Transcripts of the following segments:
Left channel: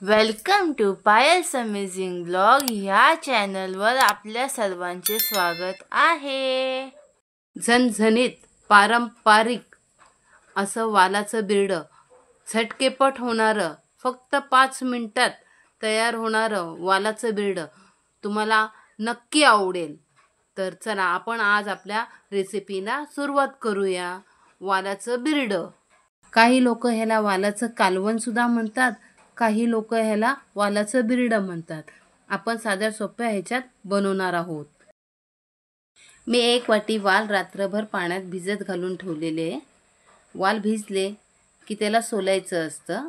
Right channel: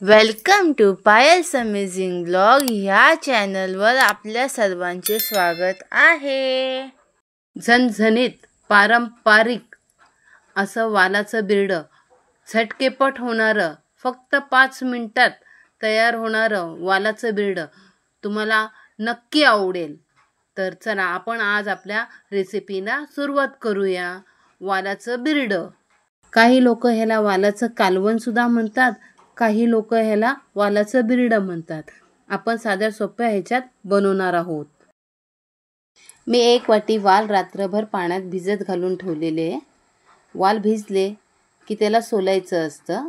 Welcome to Payal's amazing blog ह्या चॅनलवर आपल्या सर्वांचे स्वागत आहे। झणझणीत पारंपरिक असं वालाचं बिरडं, झटकेपट होणारं, फक्त 5 मिनिटात तयार होणारं वालाचं बिरडं तुम्हाला नक्की आवडेल। तर चला आपण आज आपल्या रेसिपीला सुरुवात करूया। वालाचं बिरडं, काही लोक ह्याला वालाचं कालवण सुद्धा म्हणतात, काही लोक ह्याला वालाचं बिरडं म्हणतात। आपण साध्या सोप्या ह्याच्यात बनवणार आहोत। मी 1 वाटी वाल रात्रभर पाण्यात भिजत घालून ठेवलेले। वाल भिजले की त्याला सोलायचं असतं।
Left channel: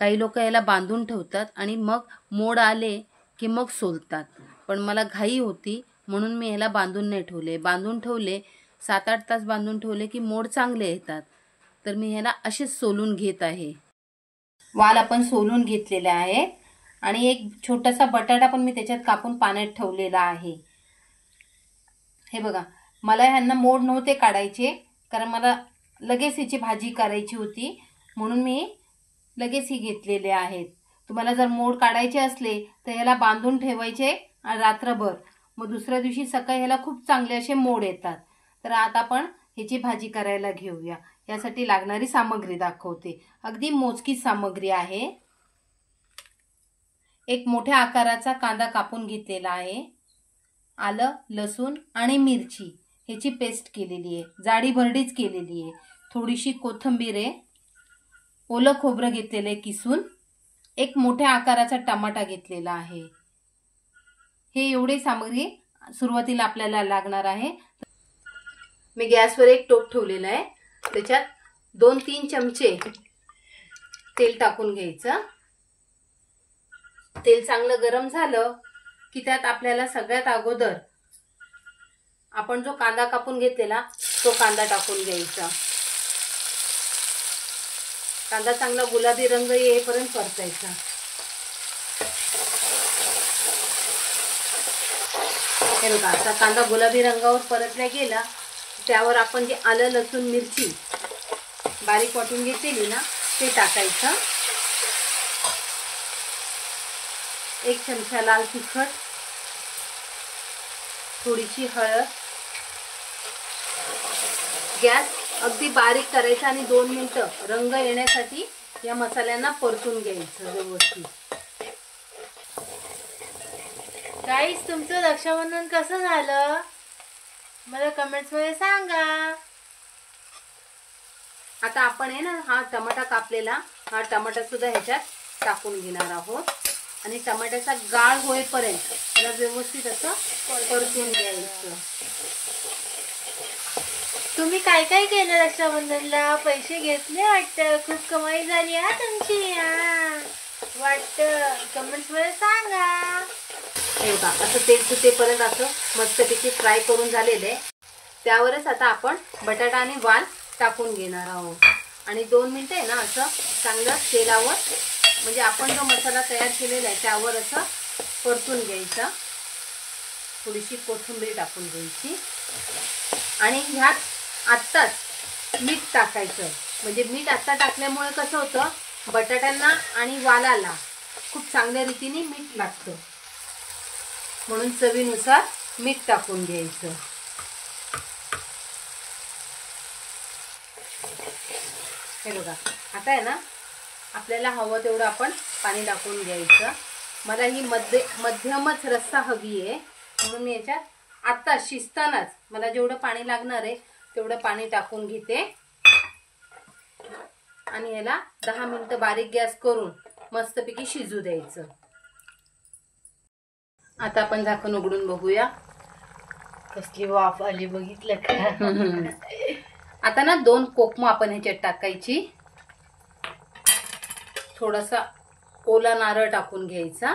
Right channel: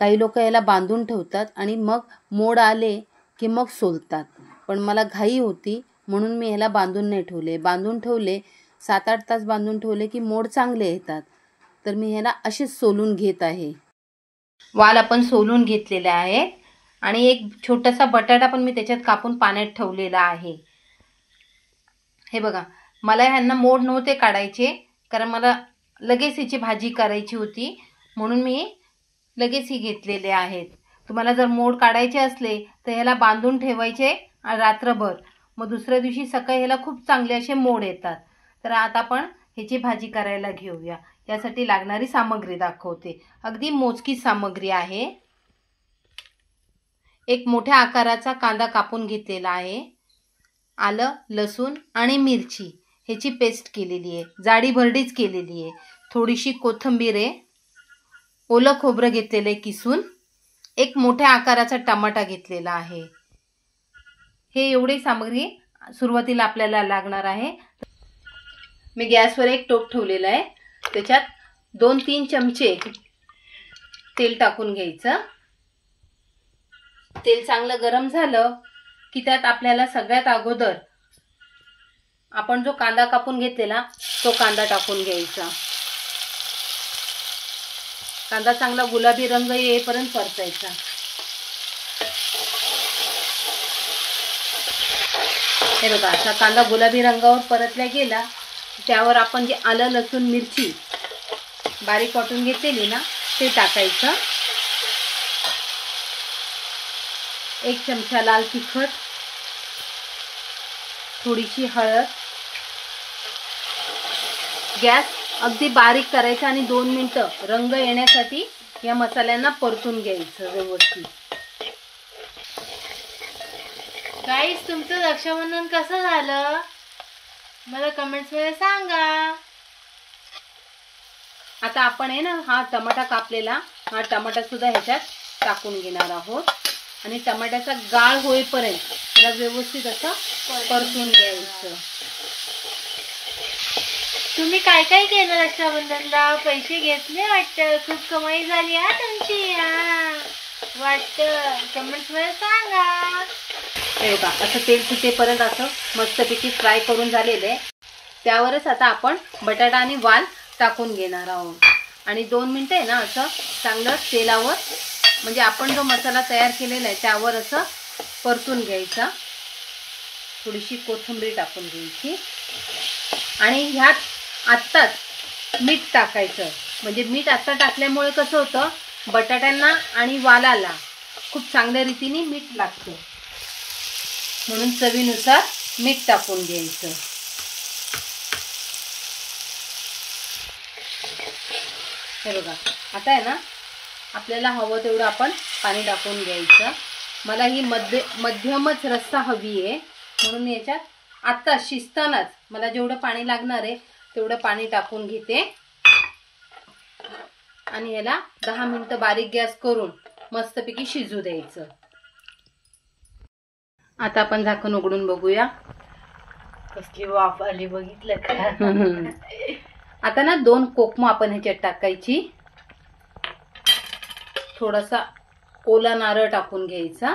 काही लोक याला बांधून ठेवतात आणि मग मोड आले की मग सोलतात, पण मला घाई होती म्हणून मी ह्याला बांधून नाही ठेवले। बांधून ठेवले 7-8 तास बांधून ठेवले की मोड चांगले येतात, तर मी ह्याला असेच सोलून घेत आहे। वाल आपण सोलून घेतलेले आहे आणि एक छोटासा बटाटा पण मी त्याच्यात कापून पाण्यात ठेवलेला आहे। हे बघा, मला ह्यांना मोड नव्हते काढायचे कारण मला लगेच ह्याची भाजी करायची होती, म्हणून मी लगेच ही घेतलेले आहेत। तुम्हाला जर मोड काढायचे असले तर ह्याला बांधून ठेवायचे रात्रभर, मग दुसऱ्या दिवशी सकाळी ह्याला खूप चांगले असे मोड येतात। तर आता आपण ह्याची भाजी करायला घेऊया। यासाठी लागणारी सामग्री दाखवते। अगदी मोजकी सामग्री आहे। एक मोठ्या आकाराचा कांदा कापून घेतलेला आहे। आलं, लसूण आणि मिरची ह्याची पेस्ट केलेली आहे, जाडी भरडीच केलेली आहे। थोडीशी कोथिंबीर आहे, ओलं खोबरं घेतलेले किसून, एक मोठ्या आकाराचा टमाटा घेतलेला आहे। हे एवढी सामग्री सुरुवातीला आपल्याला लागणार आहे। मी गॅसवर एक टोप ठेवलेला आहे, त्याच्यात 2-3 चमचे तेल टाकून घ्यायचं। तेल चांगलं गरम झालं की त्यात आपल्याला सगळ्यात अगोदर आपण जो कांदा कापून घेतलेला तो कांदा टाकून घ्यायचा। कांदा चांगला गुलाबी रंग येईपर्यंत परतायचा। हे बघा, असा कांदा गुलाबी रंगावर परतला गेला त्यावर आपण जे आलं, लसूण, मिरची बारीक वाटून घेतलेली ना ते टाकायचं। 1 चमचा लाल तिखट, थोडीशी हळद, गॅस अगदी बारीक करायचा आणि 2 मिनिटं रंग येण्यासाठी या मसाल्यांना परतून घ्यायचं व्यवस्थित। गाईस, तुमचं रक्षाबंधन कसं झालं मला कमेंट्स मध्ये सांगा। आता आपण आहे ना हा टमाटा कापलेला, हा टमाटा सुद्धा ह्याच्यात टाकून घेणार आहोत आणि टमाट्याचा गाळ होईपर्यंत त्याला व्यवस्थित असं परतून घ्यायचं। तुम्ही काय काय केलं रक्षाबंधनला? पैसे घेतले वाटतं, खूप कमाई झाली हा तुमची वाटतं, कमेंट्स मध्ये सांगा। हे बघा, असं तेल सुटेपर्यंत असं मस्तपैकी फ्राय करून झालेले, त्यावरच आता आपण बटाटा आणि वाल टाकून घेणार आहोत आणि 2 मिनिटं आहे ना असं चांगलं तेलावर, म्हणजे आपण जो मसाला तयार केलेला आहे त्यावर असं परतून घ्यायचा। थोडीशी कोथिंबीर टाकून घ्यायची आणि ह्यात आत्ताच मीठ टाकायचं, म्हणजे मीठ आत्ता टाकल्यामुळे कसं होतं बटाट्यांना आणि वालाला खूप चांगल्या रीतीने मीठ लागतं, म्हणून चवीनुसार मीठ टाकून घ्यायचं। हे बघा, आता आहे ना आपल्याला हवं तेवढं आपण पाणी टाकून घ्यायचं। मला ही मध्यमच रस्सा हवी आहे, म्हणून मी याच्यात आता शिजतानाच मला जेवढं पाणी लागणार आहे तेवढं पाणी टाकून घेते आणि याला 10 मिनिटं बारीक गॅस करून मस्तपैकी शिजू द्यायचं। आता आपण झाकण उघडून बघूया, कसली वाफ आली बघितलं का? आता ना 2 कोकम आपण ह्याच्यात टाकायची, थोडासा ओला नारळ टाकून घ्यायचा,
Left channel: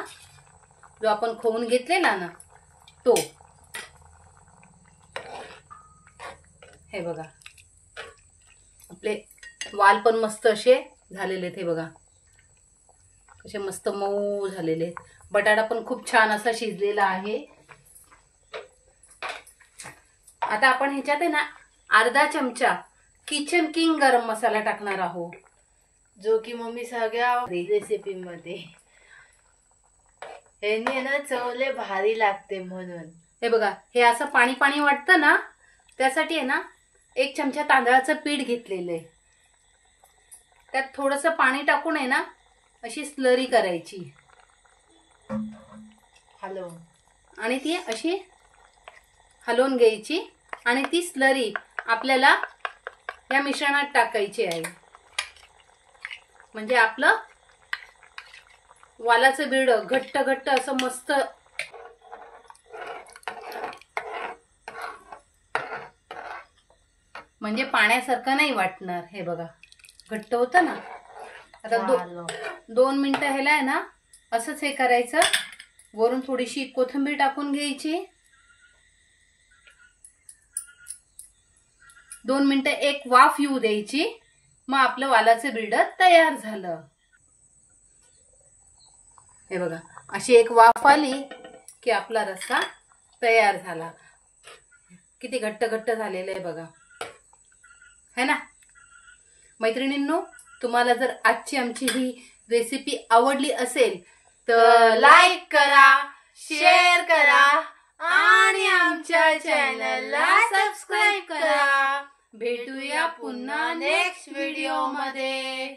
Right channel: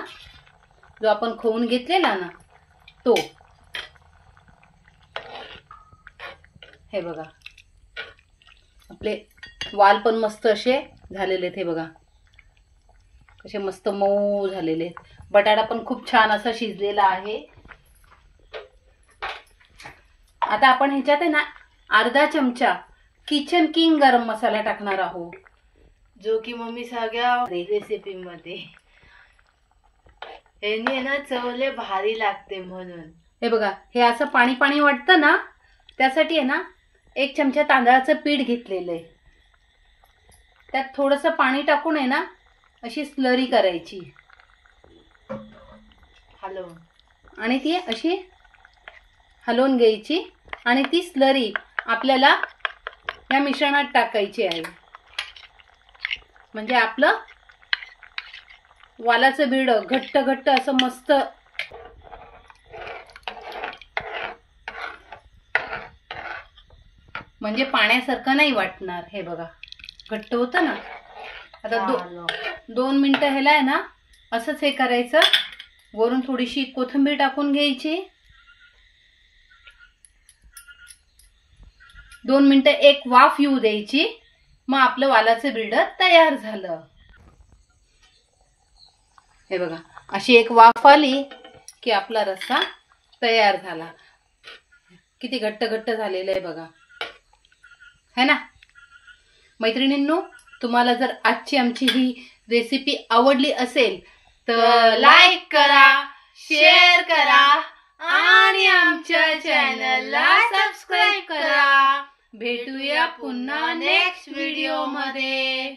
जो आपण खवून घेतलेला ना तो। हे बघा, आपले वाल पण मस्त असे झालेले आहेत, हे बघा कसे मस्त मऊ झालेले आहेत। बटाटा पण खूप छान असा शिजलेला आहे। आता आपण ह्याच्यात आहे ना अर्धा चमचा किचन किंग गरम मसाला टाकणार आहोत। जो की मम्मी सगळ्या रेसिपी मध्ये यांनी ना चवले भारी लागते म्हणून. हे बघा, हे असं पाणी पाणी वाटतं ना, त्यासाठी आहे ना 1 चमचा तांदळाचं पीठ घेतलेलं आहे. त्यात थोडंसं पाणी टाकून आहे ना अशी स्लरी करायची. हलवून आणि ती अशी हलवून घ्यायची आणि ती स्लरी आपल्याला या मिश्रणात टाकायची आहे. म्हणजे आपलं वालाचं बीड घट्ट घट्ट असं मस्त म्हणजे पाण्यासारखं नाही वाटणार. हे बघा घट्ट होतं ना. आता 2 मिनिटं ह्याला आहे ना असंच हे करायचं. वरून थोडीशी कोथिंबीर टाकून घ्यायची. 2 मिनिटं एक वाफ येऊ द्यायची. मग आपलं वालाचं बीड तयार झालं. हे बघा, अशी एक वाफ आली की आपला रस्सा तयार झाला. किती घट्ट घट्ट झालेलं आहे बघा, है ना मैत्रिणींनो. तुम्हाला जर आजची आमची ही रेसिपी आवडली असेल तर लाईक करा, शेअर करा आणि आमच्या चॅनलला सबस्क्राईब करा. भेटूया पुन्हा नेक्स्ट व्हिडिओ मध्ये.